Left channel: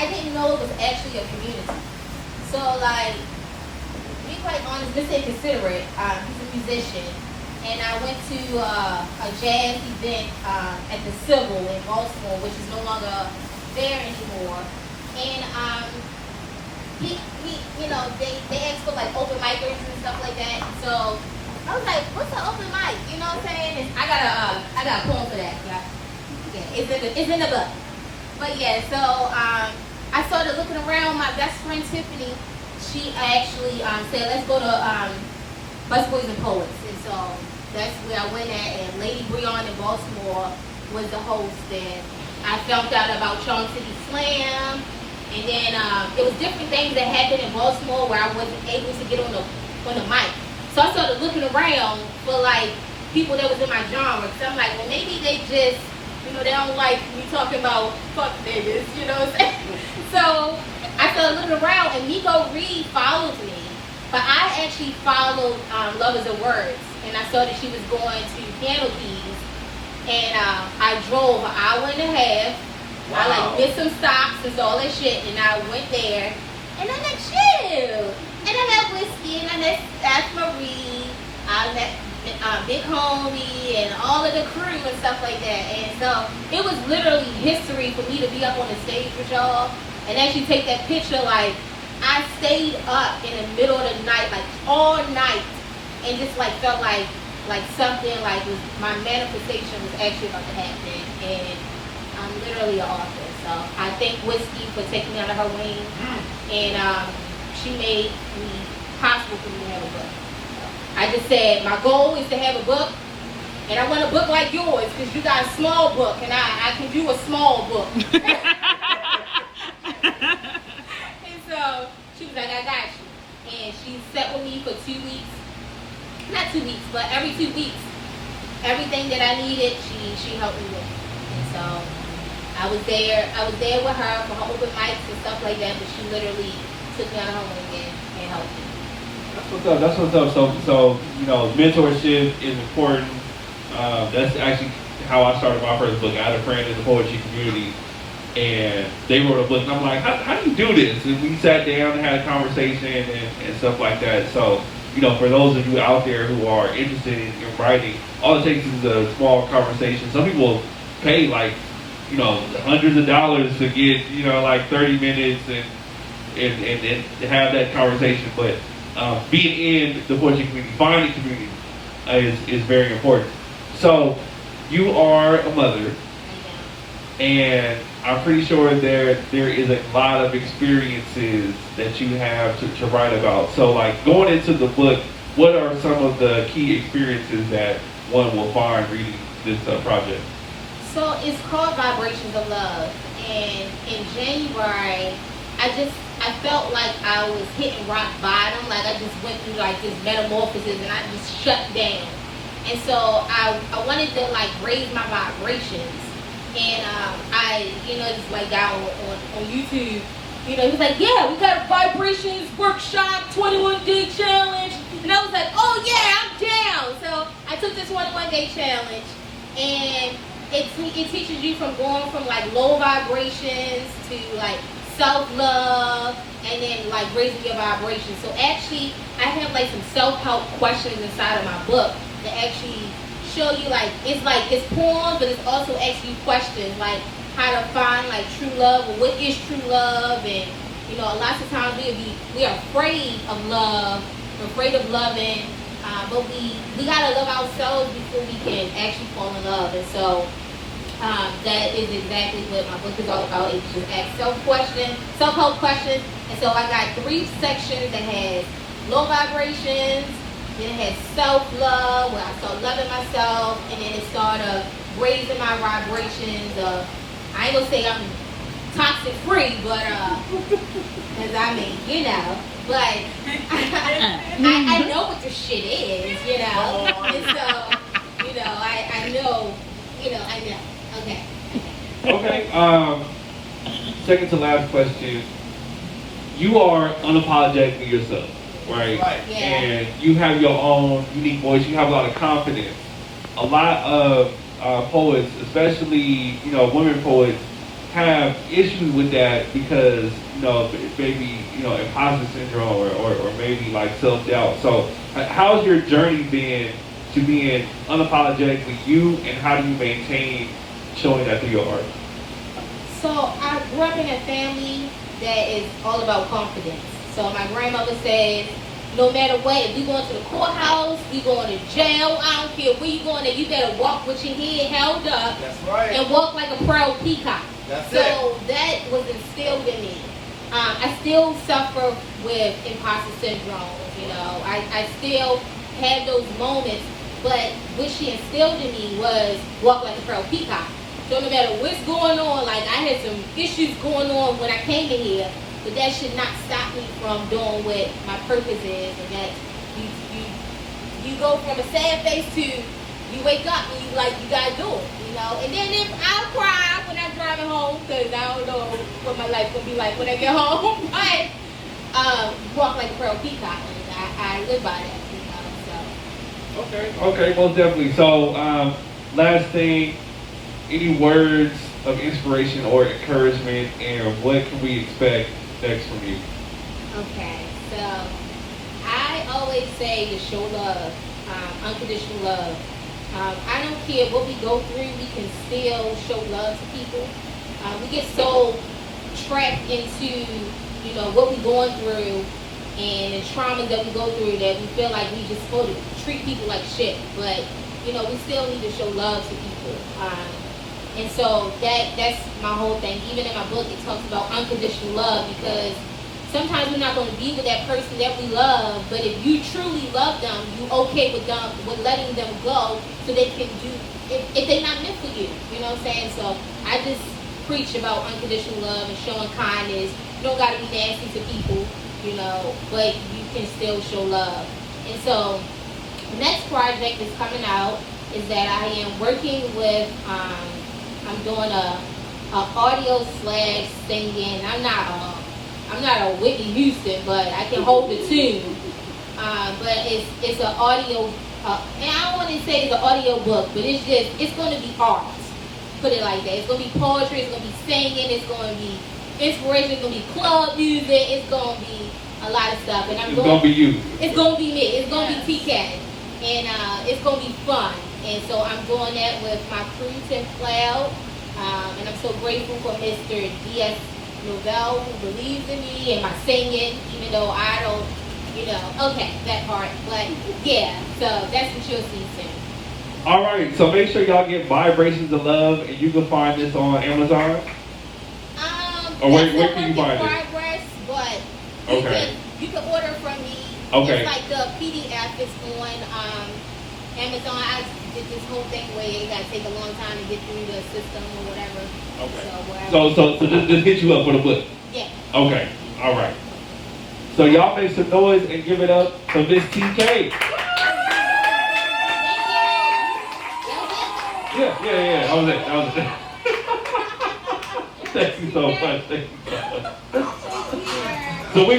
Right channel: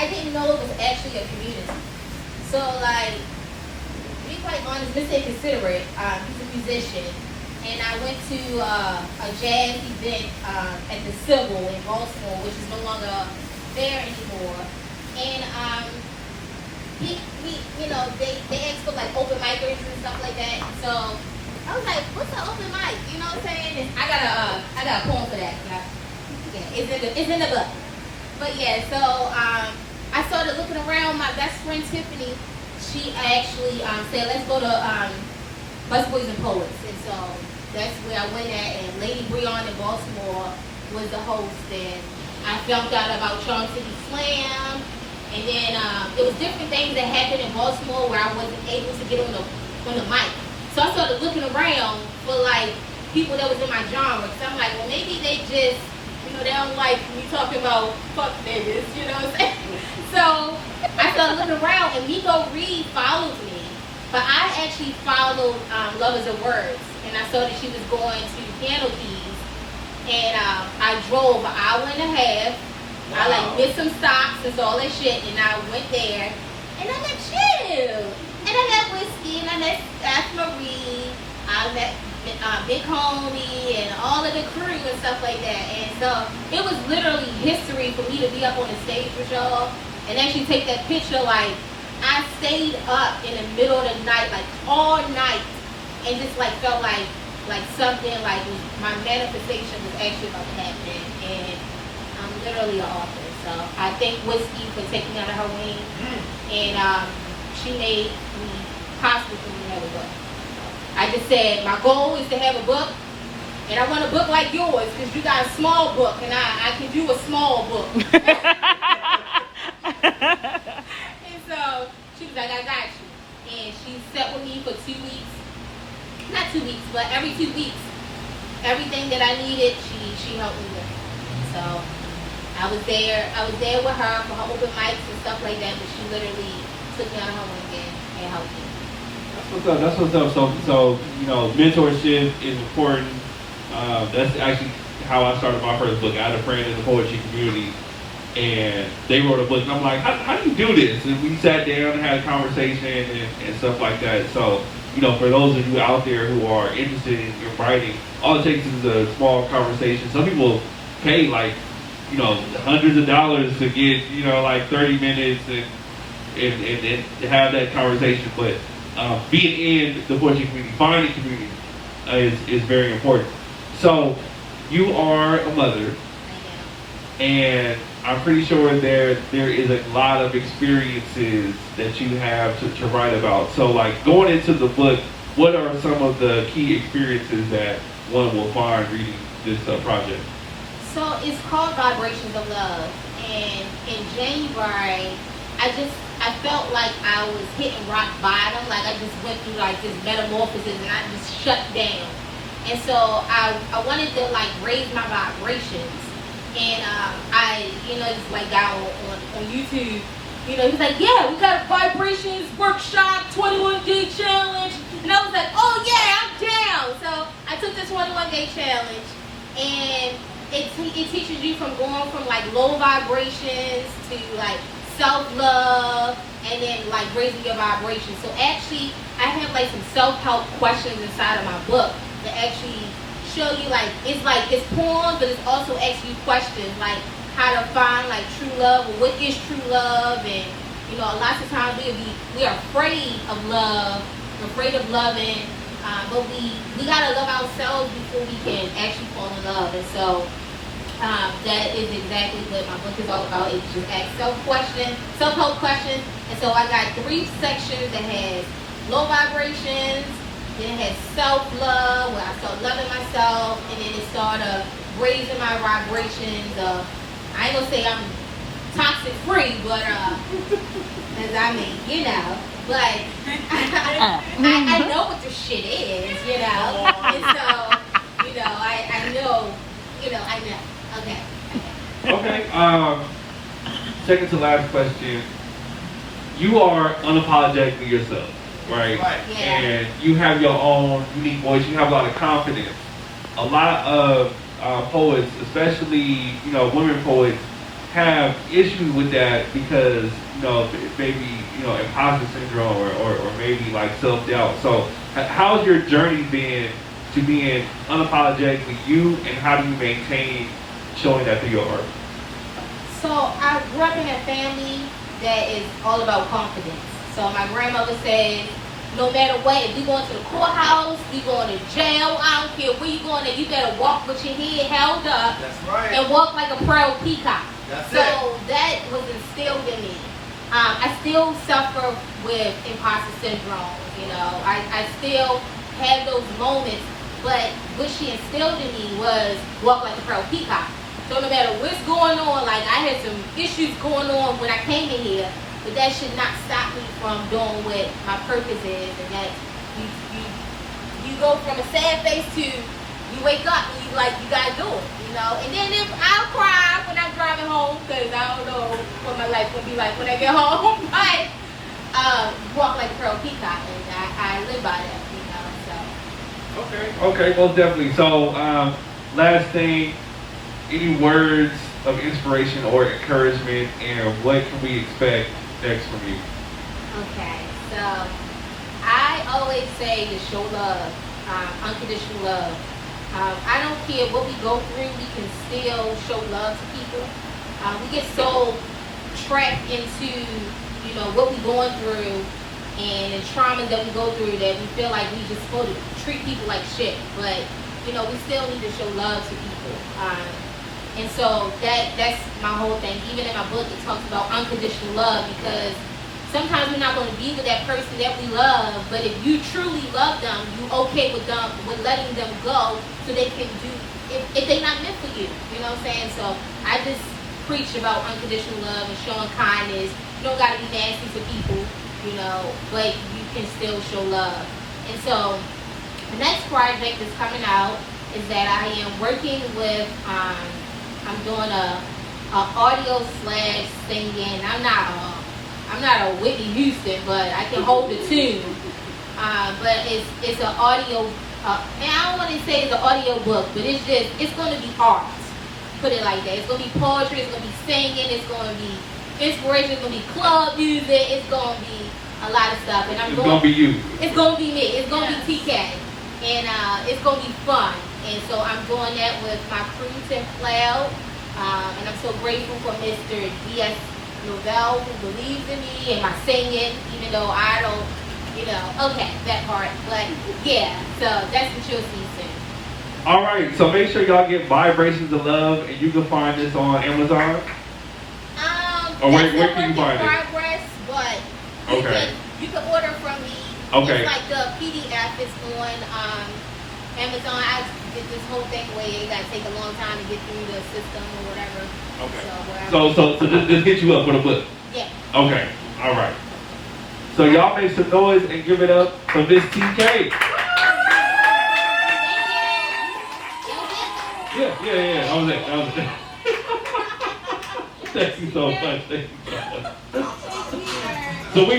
I didn't know it was actually a community. So like, to be quite honest, Mr. Inconsiderate, he's a musician, and I went to a jazz event at the Civil in Baltimore, which is no longer there anymore. And they asked for like open micers and stuff like that. So I was like, what's an open mic? You know what I'm saying? And I got a poem for that. Yeah, it's in the book. But yeah, so I started looking around. My best friend Tiffany, she actually said, let's go to Busboys and Poets. And so that's where I went at. And Lady Breon in Baltimore was the host. And I found out about Charlie City Slam. And then it was different things that happened in Baltimore where I wasn't able to get on the mic. So I started looking around for like people that was in my genre. So I'm like, well, maybe they just, they don't like me talking about fuck niggas, you know what I'm saying? So I started looking around, and Nico Reed followed me. But I actually followed Lovers of Words, and I saw that she was going to Piano Keys, and I drove an hour and a half. Wow. I like missed some stops and all that shit, and I went there, and I met you, and I met Whiskey, and I met Ash Marie, I met Big Homie, and all of the crew and stuff like that. And so it was literally history for me to be up on the stage with y'all and actually take that picture. Like, I stayed up in the middle of the night, like all night, and just like felt like something like my manifestation was actually about to happen. And I'm literally an author. So I thank Whiskey for taking me under her wing, and she made me possible for me to have a book. I just said my goal is to have a book, and I want a book like yours because you got a small book, and I can do a small book. And so she was like, I got you. And she sat with me for 2 weeks. Not 2 weeks, but every 2 weeks. Everything that I needed, she helped me with. And so I was there with her for her open mics and stuff like that, but she literally took me on her wing and helped me. That's what's up. So mentorship is important. That's actually how I started my first book. I had a friend in the poetry community, and they wrote a book. And I'm like, how do you do this? And we sat down and had a conversation and stuff like that. So, for those of you out there who are interested in writing, all it takes is a small conversation. Some people pay like, hundreds of dollars to get, like 30 minutes and have that conversation. But being in the poetry community, finding community is very important. So you are a mother, and I'm pretty sure there is a lot of experiences that you have to write about. So like going into the book, what are some of the key experiences that one will find reading this project? So it's called Vibrations of Love, and in January, I felt like I was hitting rock bottom. Like I just went through like this metamorphosis, and I just shut down. And so I wanted to like raise my vibrations. And I just like got on YouTube. He's like, yeah, we got a vibrations workshop, 21-day challenge. And I was like, oh yeah, I'm down. So I took the 21-day challenge, and it teaches you from going from like low vibrations to like self-love, and then like raising your vibration. So actually I have like some self-help questions inside of my book that actually show you it's poems, but it's also asking you questions like how to find like true love, or what is true love. And lots of times we are afraid of love, afraid of loving, but we gotta love ourselves before we can actually fall in love. And so that is exactly what my book is all about. It's just ask self-help questions. And so I got 3 sections that has low vibrations, then it had self-love, where I started loving myself, and then it started raising my vibrations. I ain't gonna say I'm toxic free, but cause but I know what this shit is, and so I know. Okay. Second to last question. You are unapologetically yourself, right? Yeah. And you have your own unique voice. You have a lot of confidence. A lot of poets, especially women poets, have issues with that because maybe imposter syndrome or maybe like self doubt. So how's your journey been to being unapologetically you, and how do you maintain showing that through your art? So I grew up in a family that is all about confidence. So my grandmother said, no matter what, if you going to the courthouse, you going to jail, I don't care where you going, and you better walk with your head held up. That's right. And walk like a proud peacock. That's so that was instilled in me. I still suffer with imposter syndrome. I still have those moments, but what she instilled in me was walk like a proud peacock. So no matter what's going on, like I had some issues going on when I came in here, but that should not stop me from doing what my purpose is, and that you go from a sad face to you wake up and you gotta do it, And then if I'll cry when I'm driving home, because I don't know what my life will be like when I get home, but walk like a pearl peacock, and I live by that, so. Okay, most definitely. So last thing, any words of inspiration or encouragement, and what can we expect next from you? Okay, so I always say to show love, unconditional love. I don't care what we go through, we can still show love to people. We get so trapped into, what we're going through and the trauma that we go through that we feel like we just supposed to treat people like shit. But, we still need to show love to people. And so that's my whole thing. Even in my book, it talks about unconditional love, because sometimes we're not going to be with that person that we love, but if you truly love them, you okay with letting them go so they can do, if they're not meant for you, you know what I'm saying? So I just preach about unconditional love and showing kindness. You don't got to be nasty to people, but you can still show love. And so the next project that's coming out is that I am working with, I'm doing a audio / singing. I'm not a Whitney Houston, but I can hold the tune. But it's an audio, and I don't want to say it's an audio book, but it's going to be art. Put it like that. It's going to be poetry, it's going to be singing, it's going to be inspiration, it's going to be club music, it's going to be a lot of stuff. And It's going to be you. It's going to be me. It's going to be TK. And it's going to be fun. And so I'm doing that with my crew, Tim Cloud. And I'm so grateful for Mr. D.S. Novell, who believes in me and my singing, even though I don't, okay, that part. But yeah, so that's what you'll see soon. All right, so make sure y'all get Vibrations of Love, and you can find this on Amazon. Or where can you find it? Progress, but you can order from me. Okay. It's like the PDF is on Amazon. I did this whole thing where it got to take a long time to get through the system or whatever. Okay. So just hit you up with a book. Yeah. Okay. All right. So y'all make some noise and give it up for Miss TK. Yeah. That was it. Thank you so much. So we